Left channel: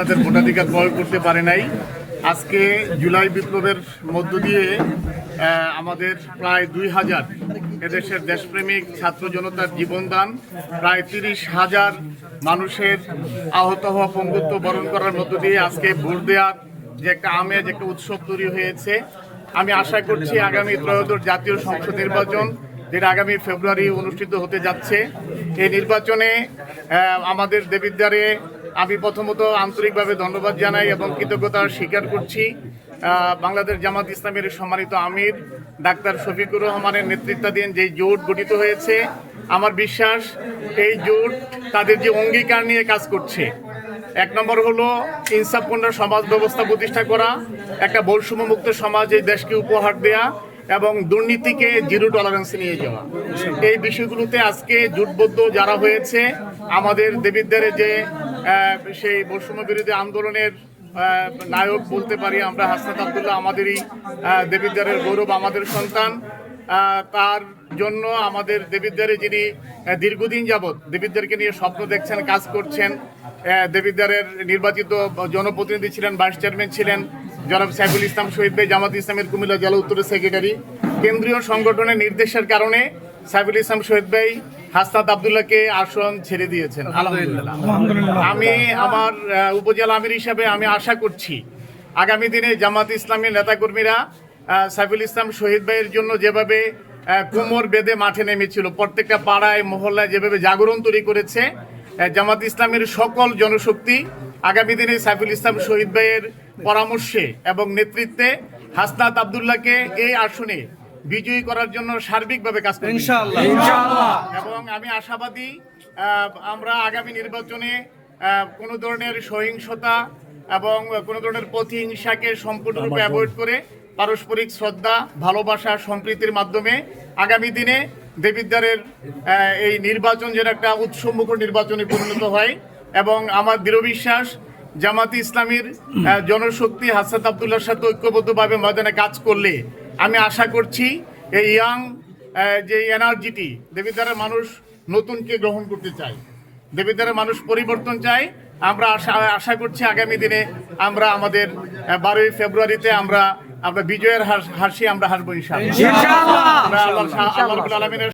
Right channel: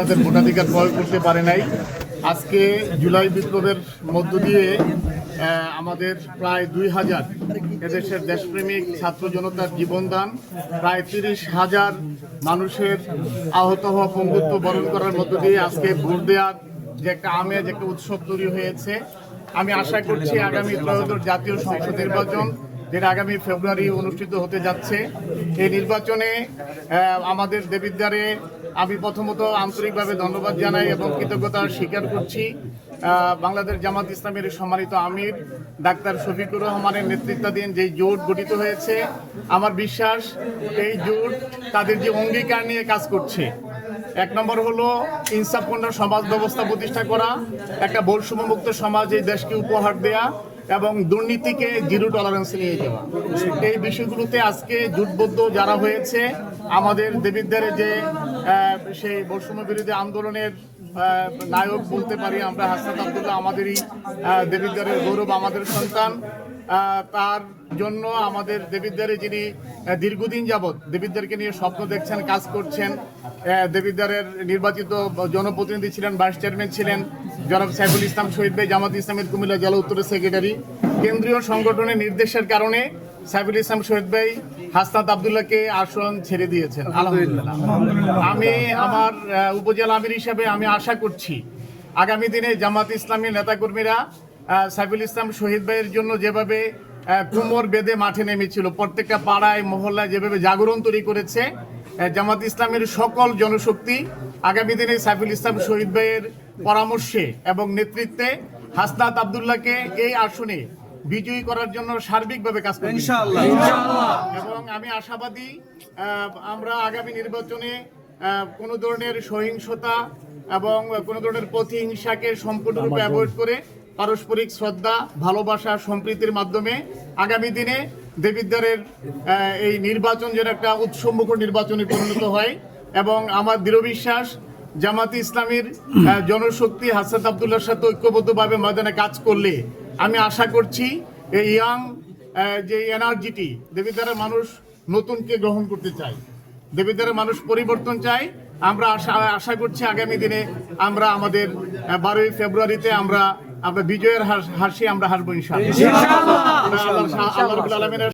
তাদের ভোটাধিকার প্রয়োগ করতে পারে নাই। আজকে জুলাই বিপ্লবের মধ্য দিয়ে আমাদের প্রায় 2000 এদেশের দেশপ্রেমিক ছাত্র জনতার জীবনদান, প্রায় 30,000 মানুষের আহত হওয়া, পঙ্গুত্ব বরণ করার মধ্য দিয়ে আজকে ভোট দেওয়ার যে একটা আমেজ, একটা উৎসব তৈরি হয়েছে। আমি আশা করছি আগামী ত্রয়োদশ জাতীয় সংসদ নির্বাচন, যেটা আগামী ফেব্রুয়ারি অনুষ্ঠিত হতে যাচ্ছে, এই নির্বাচনে আমাদের দেবিদ্বারে আমি প্রথমত আন্তরিকভাবে ধন্যবাদ জানাই এবং কৃতজ্ঞতা স্বীকার করছি বাংলাদেশ জামাত ইসলামের সম্মানিত আমির ডাক্তার শফিকুর রহমানের নেতৃত্বাধীন যে জোট গঠিত হয়েছে। আমার বিশ্বাস এই জোট তাদের যে অঙ্গীকার নিয়ে কাজ করছে, এক নম্বর হলো ইনসাফপূর্ণ সমাজ ব্যবস্থা প্রতিষ্ঠা করা, একটা বৈষম্যমুক্ত সমাজ এই দেশকে উপহার দেয়া এবং দুর্নীতিকে জিরো টলারেন্সে নিয়ে যাওয়া। এই বিষয়গুলোতে আজকে জোটবদ্ধ যারা হয়েছে, আমাদের দেবিদ্বারে যে সেই বৈষম্য বিরোধী আন্দোলনের নায়ক বলতে পারি আমরা, হাসনাত আবদুল্লাহ আমাদেরই দেবিদ্বারের গৌরব, আমাদের সন্তান। তার জন্য আমাদের দেবিদ্বারে যিনি দীর্ঘদিন যাবৎ দেবিদ্বারকে নিয়ে স্বপ্ন দেখছেন, কাজ করছেন, দেবিদ্বারের নির্বাচিত জনপ্রতিনিধি ছিলেন, ভাইস চেয়ারম্যান ছিলেন জনাব সাইফুল ইসলাম শহীদ ভাই, জামাত ইসলামের কুমিল্লা জেলা উত্তরের সেক্রেটারি। কেন্দ্রীয় সংগঠনের নির্দেশের কারণে সাইফুল ইসলাম শহীদ ভাই হাসনাত আবদুল্লাহকে আসন ছেড়ে দিয়েছেন, আলহামদুলিল্লাহ। আমি আমার উপজেলা আমির হিসাবে আমি আশা করছি আগামী দিনে জামাত ইসলামী নেতাকর্মীরা সাইফুল ইসলাম শহীদ ভাইয়ের জন্য যেভাবে কোমর বেঁধে মাঠে নেমেছিল, প্রত্যেকটা পাড়ায় মহল্লায় যেভাবে জাগরণ তৈরি করেছে, জামাত ইসলামের সকল জনশক্তি আগামী দিনে সাইফুল ইসলাম শহীদ ভাইয়ের পরামর্শে এবং নেতৃত্বে হাসনাত আবদুল্লাহকে এই আসনে বিজয়ী করার জন্য সার্বিকভাবে কাজ করব ইনশাআল্লাহ। এবং আমি আশাবাদী আমরা আগামী নির্বাচনে কোনো ধরনের সহিংসতা এবং কোনো ধরনের প্রতিহিংসাকে সম্পূর্ণরূপে অ্যাভয়েড করে পারস্পরিক শ্রদ্ধা, ভালোবাসা, সম্প্রীতির মাধ্যমে আগামী দিনে দেবিদ্বারের এই নির্বাচন যেন একটা উৎসবমুখর নির্বাচনে পরিণত হয়। এবং আমার দৃঢ় বিশ্বাস জামাতে ইসলামীর জনশক্তি হাসনাত আবদুল্লাহর সাথে ঐক্যবদ্ধভাবে ময়দানে কাজ করলে আমি আশা করছি এই ইয়াং যে এনার্জিটি, দেবিদ্বারের মানুষ নতুনকে গ্রহণ করতে চায়, দেবিদ্বারের মানুষ পরিবর্তন চায়। আমরা আশা করছি আগামী দিনে আমরা আমাদের 12ই ফেব্রুয়ারিতে আমরা বিজয়ের হাসি আমরা হাসবো ইনশাআল্লাহ। আল্লাহ রাব্বুল আলামিনের